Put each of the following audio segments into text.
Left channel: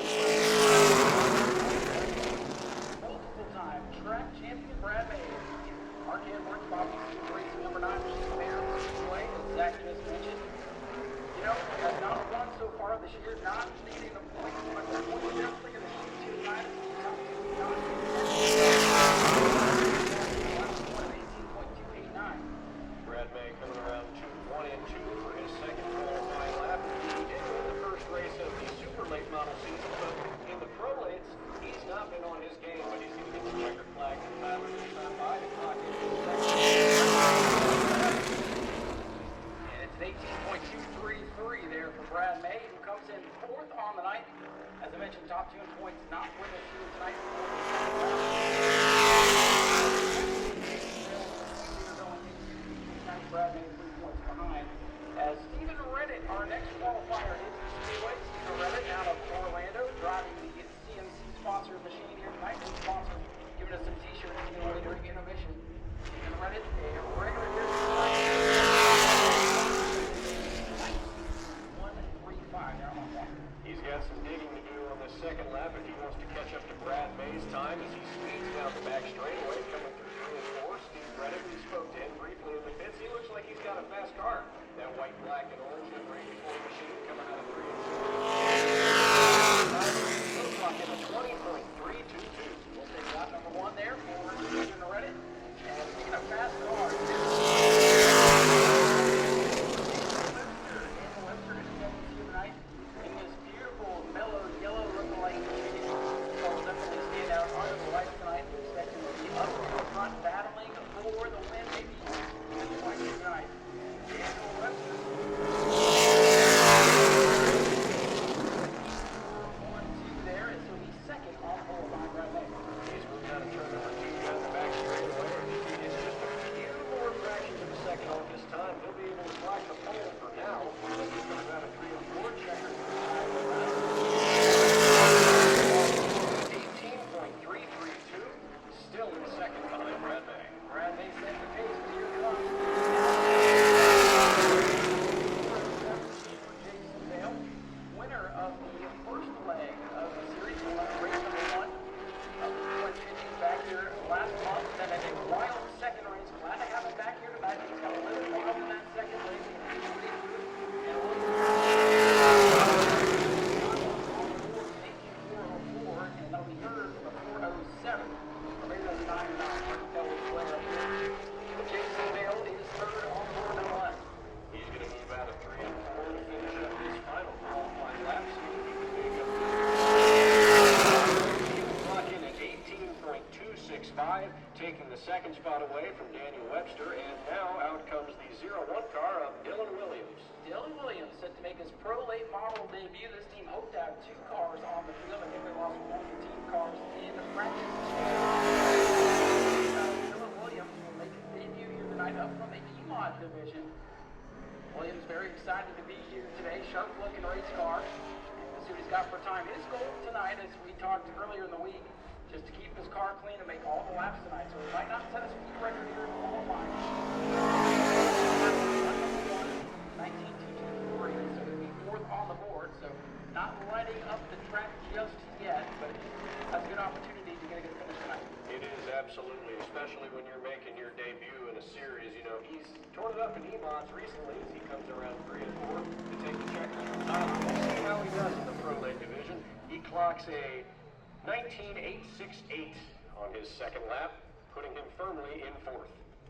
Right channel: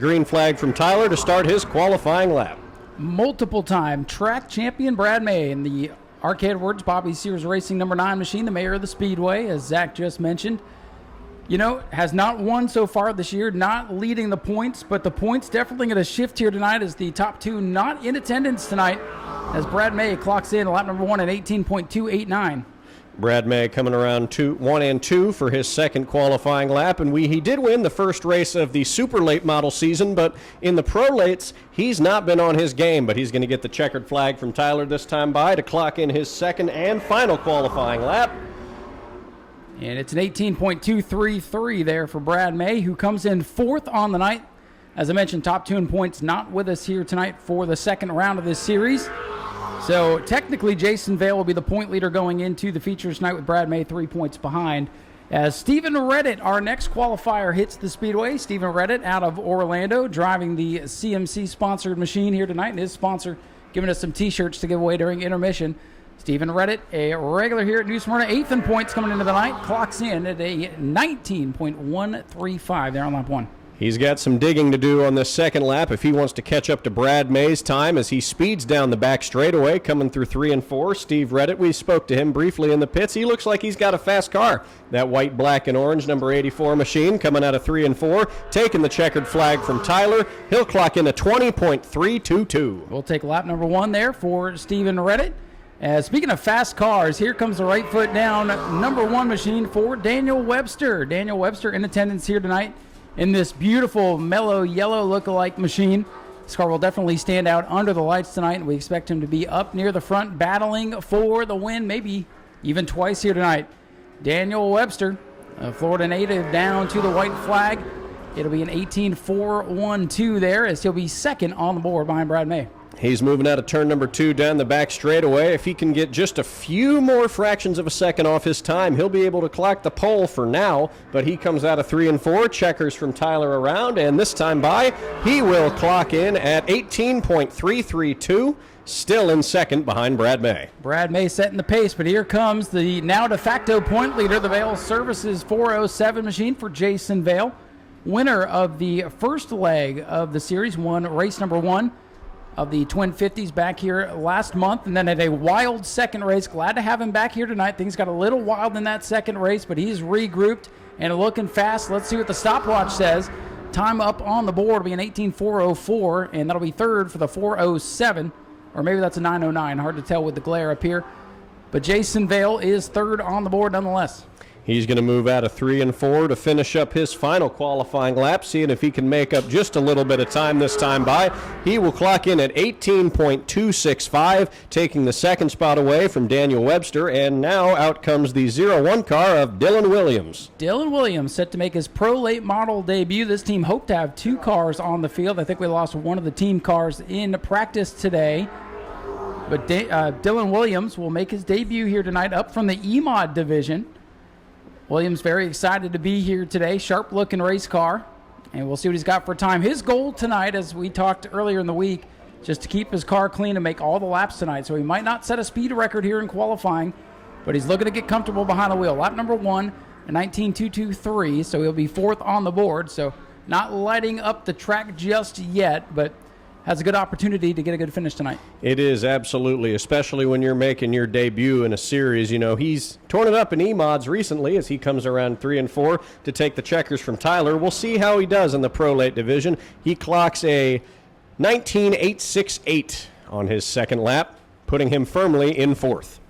Green flag from Tyler to start his qualifying lap. Multiple-time track champion Brad May in the Arcade Awards Bobby Sears Racing number 9 machine, the mayor of the Speedway, as Zach just mentioned. You know, has not won so far this year, not leading the points, but the points definitely going to shift here tonight as the top two not in attendance tonight, as Brad May clocks in lap number 1 at 18.289. Brad May coming around 1 and 2 for his second qualifying lap, and he did win the first race of the super late model season, but in the pro lates, he's not been on his game, but he's going to get the checkered flag from Tyler this time by to clock in his second and final qualifying lap. And it's an 18.233 there for Brad May, who comes in fourth on the night. As I mentioned, top two in points not with us here tonight for the second round of this series. So technically, Jason Vale will be the point leader going into the features tonight with Brad May 3 points behind. As Stephen Reddit, our next qualifier, hits the speedway. Stephen Reddit out of Orlando, driving the CMC-sponsored machine here tonight. And his sponsor giving us some T-shirts to give away during intermission. Stephen Reddit, a regular here at New Smyrna, 8th in points coming into the night, clocks in at a 19.135 there on lap 1. He's got some digging to do on this second lap if he wants to catch up to Brad May's time as he speeds down the back straightaway, coming through 3 and 4. Steve Reddit, we spoke to him briefly in the pits. He looks like he's got a fast car. That white, black, and orange number 84 machine coming out of 3 and 4, taking the checkered flag from Tyler. He'll clock in a 20.322. We'll take lap number 1 there for Stephen Reddit. Speaking of fast cars, here comes the right foot down number 1 machine for Daniel Webster. Daniel Webster in attendance here tonight in this beautiful mellow yellow look-alike machine. This car will definitely stand out under the lights tonight. We expect him to be up near the front battling for the win, maybe even twice here tonight. Daniel Webster, the Florida native, down to the white flag. It'll be an 18.412 there as he'll be second on the board behind Brad May. He's moving out of turn number 2 down the back straightaway. If he can get just a few more fractions of a second off his time, he'll be able to clock the pole for now. But he comes out of 3 and 4, checkers from Tyler around, and this time by, he will clock in at 18.332, still in second behind Brad May. Brad May setting the pace, but here comes the now de facto point leader, the Vale Services 407 machine for Jason Vale. Winner of the first leg of the series, won race number 1 of the Twin 50s back here last month, and then at a wild second race. Glad to have him back here tonight. Things got a little wild in that second race, but he's regrouped and looking fast. Let's see what the stopwatch says. Time up on the board will be an 18.404, and that'll be third for the 407, or maybe that's a 909. Hard to tell with the glare up here. But Jason Vale is third on the board nonetheless. He's going to move out of 3 and 4 to finish up his final qualifying lap, seeing if he can make up just a little bit of time this time by. He will clock in at 18.265, taking the second spot away from Daniel Webster, and now out comes the 01 car of Dylan Williams. Dylan Williams set to make his pro late model debut. This team hoped to have 2 cars on the field. I think we lost one of the team cars in practice today. But Dylan Williams will make his debut here tonight up from the EMOD division. Williams very excited to be here today. Sharp-looking race car, and we'll see what he's got for time. His goal tonight, as we talked earlier in the week, just to keep his car clean and make all the laps tonight. So he might not set a speed record here in qualifying, but he's looking to get comfortable behind the wheel. Lap number 1, 19.223, so he'll be fourth on the board. So not lighting up the track just yet, but has a good opportunity to get a good finish tonight. It is, absolutely, especially when you're making your debut in a series. You know, he's torn it up in E-Mods recently as he comes around 3 and 4 to take the checkers from Tyler. We'll see how he does in the Pro Late division. He clocks a 19.868 on his second lap, putting him firmly in fourth.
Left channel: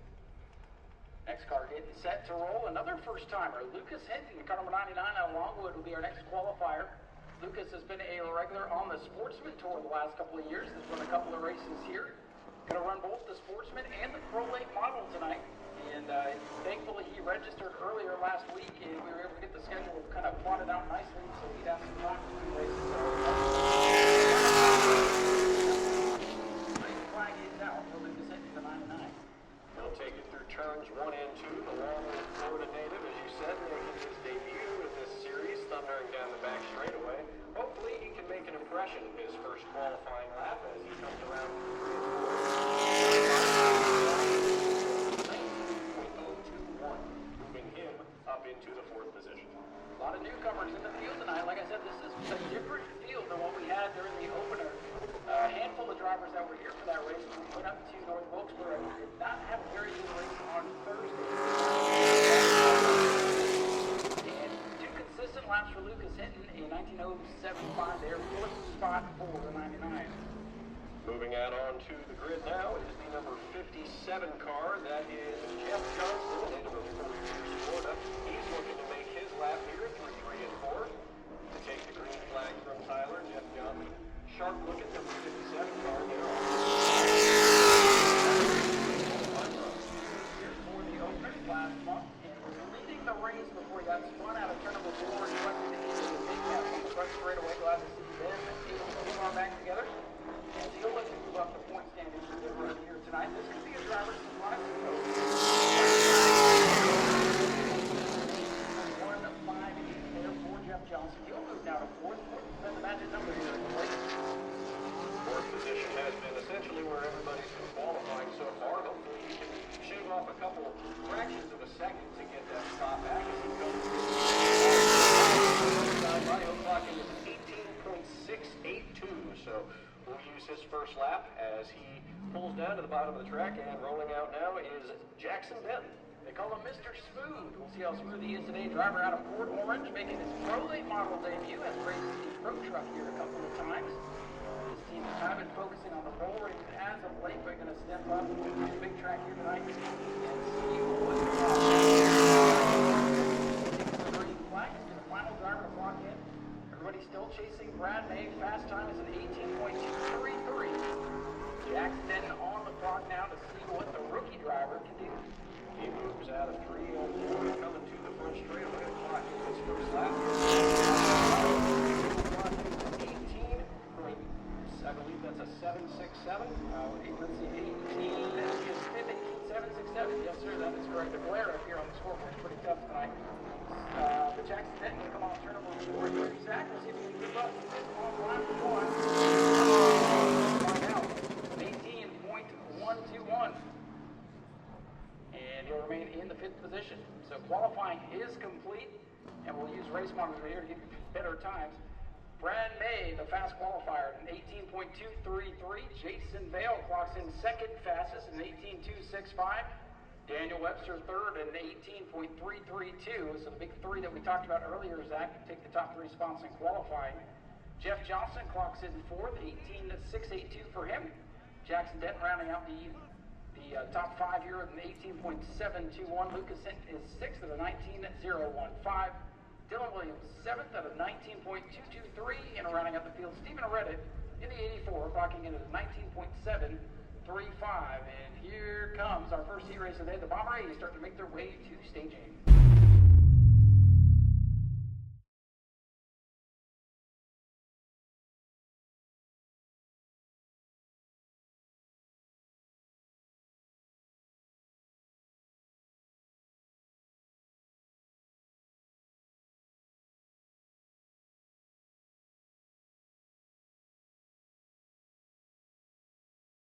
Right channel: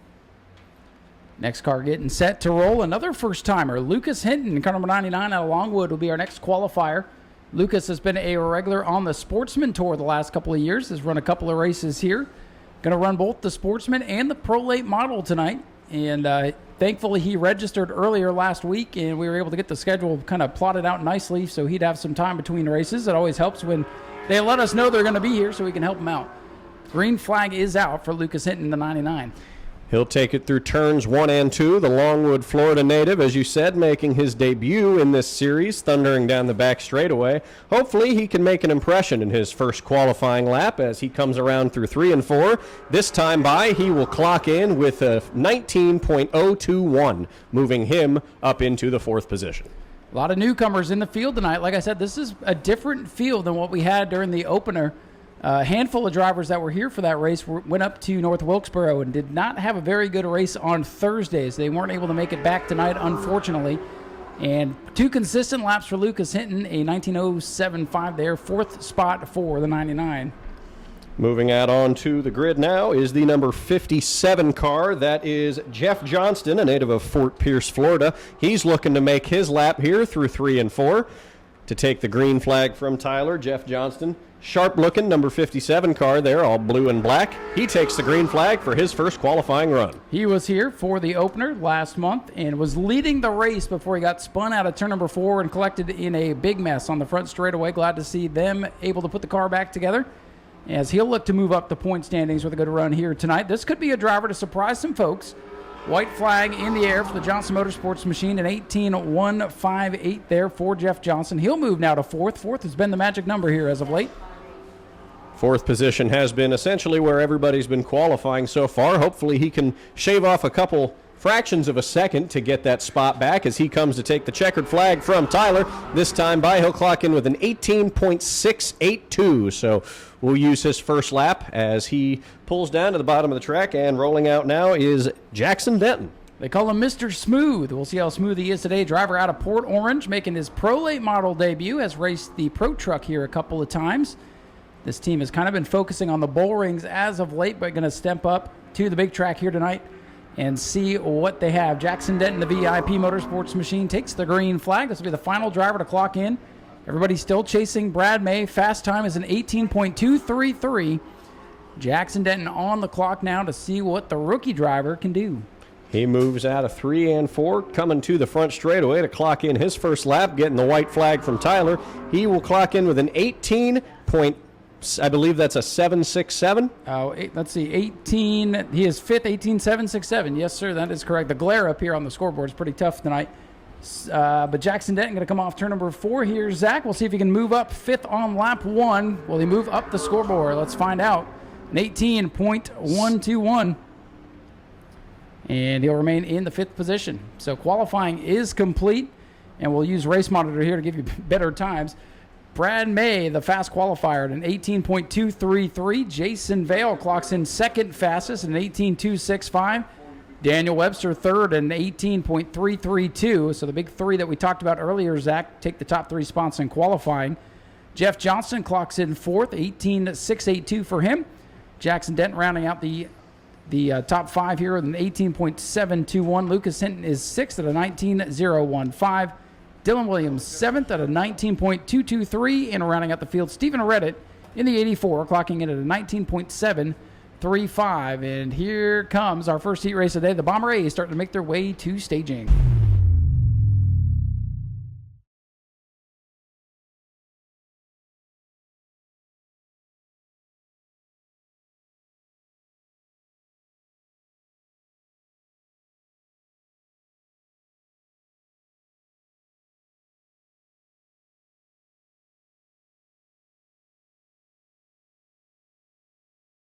Next car getting set to roll. Another first-timer, Lucas Hinton, car number 99 out of Longwood, will be our next qualifier. Lucas has been a regular on the Sportsman Tour the last couple of years, has run a couple of races here. Going to run both the Sportsman and the Pro Late Model tonight. And thankfully he registered earlier last week, and we were able to get the schedule kind of plotted out nicely so he'd have some time between races. It always helps when they let us know they're going to be here so we can help him out. Green flag is out for Lucas Hinton, the 99. He'll take it through turns 1 and 2. The Longwood, Florida native, as you said, making his debut in this series, thundering down the back straightaway. Hopefully he can make an impression in his first qualifying lap as he comes around through 3 and 4. This time by, he will clock in with a 19.021, moving him up into the 4th position. A lot of newcomers in the field tonight. Like I said, this is a different field than what we had during the opener. A handful of drivers that were here for that race went up to North Wilkesboro and did not have a very good race on Thursdays. They weren't able to make it back tonight, unfortunately. And 2 consistent laps for Lucas Hinton, a 19:07.5 there, 4th spot for the 99. Moving out onto the grid now is the number 57 car. That is Jeff Johnston, a native of Fort Pierce, Florida. He's looking to make his lap here through 3 and 4 to take the green flag from Tyler. Jeff Johnston, sharp-looking number 57 car there, all blue and black. He takes the green flag for his first qualifying run. He was here for the opener last month and was leading the race before he got spun out of turn number 4 and collected in a big mess on the front straightaway. Glad to see them able to put the car back together, as he'll look to move up the point standings with a good run here tonight. This could be a driver to surprise some folks. White flag in the air for Johnson Motorsports machine, an 18:158 there for Jeff Johnson. He'll move now to 4th. 4th has been the magic number here as of late. 4th position has been essentially where everybody's been qualifying so far. Hopefully he can shave off a couple fractions of a second to get that spot back as he comes to take the checkered flag from Tyler. This time by, he'll clock in with an 18.682. So we'll use his first lap as he pulls down to the bottom of the track, and rolling out now is Jackson Denton. They call him Mr. Smooth. We'll see how smooth he is today. Driver out of Port Orange, making his Pro Late Model debut, has raced the Pro Truck here a couple of times. This team has kind of been focusing on the bull rings as of late, but going to step up to the big track here tonight and see what they have. Jackson Denton, the VIP Motorsports machine, takes the green flag. This will be the final driver to clock in. Everybody's still chasing Brad May. Fast time is an 18.233. Jackson Denton on the clock now to see what the rookie driver can do. He moves out of 3 and 4, coming to the front straightaway to clock in his first lap, getting the white flag from Tyler. He will clock in with an 18. I believe that's a 767. Let's see, 18. He is 5th, 18.767. Yes, sir, that is correct. The glare up here on the scoreboard is pretty tough tonight. But Jackson Denton going to come off turn number 4 here. Zach, we'll see if he can move up 5th on lap 1. Will he move up the scoreboard? Let's find out. An 18.121. And he'll remain in the 5th position. So qualifying is complete, and we'll use Race Monitor here to give you better times. Brad May, the fast qualifier, at an 18.233. Jason Vale clocks in 2nd fastest, an 18.265. Daniel Webster, 3rd, and 18.332. So the big 3 that we talked about earlier, Zach, take the top 3 spots in qualifying. Jeff Johnson clocks in 4th, 18.682 for him. Jackson Denton rounding out the top 5 here with an 18.721. Lucas Hinton is 6th at a 19.015. Dylan Williams 7th at a 19.223. And rounding out the field, Stephen Reddit in the 84, clocking in at a 19.735. And here comes our first heat race of the day. The Bomber A's starting to make their way to staging.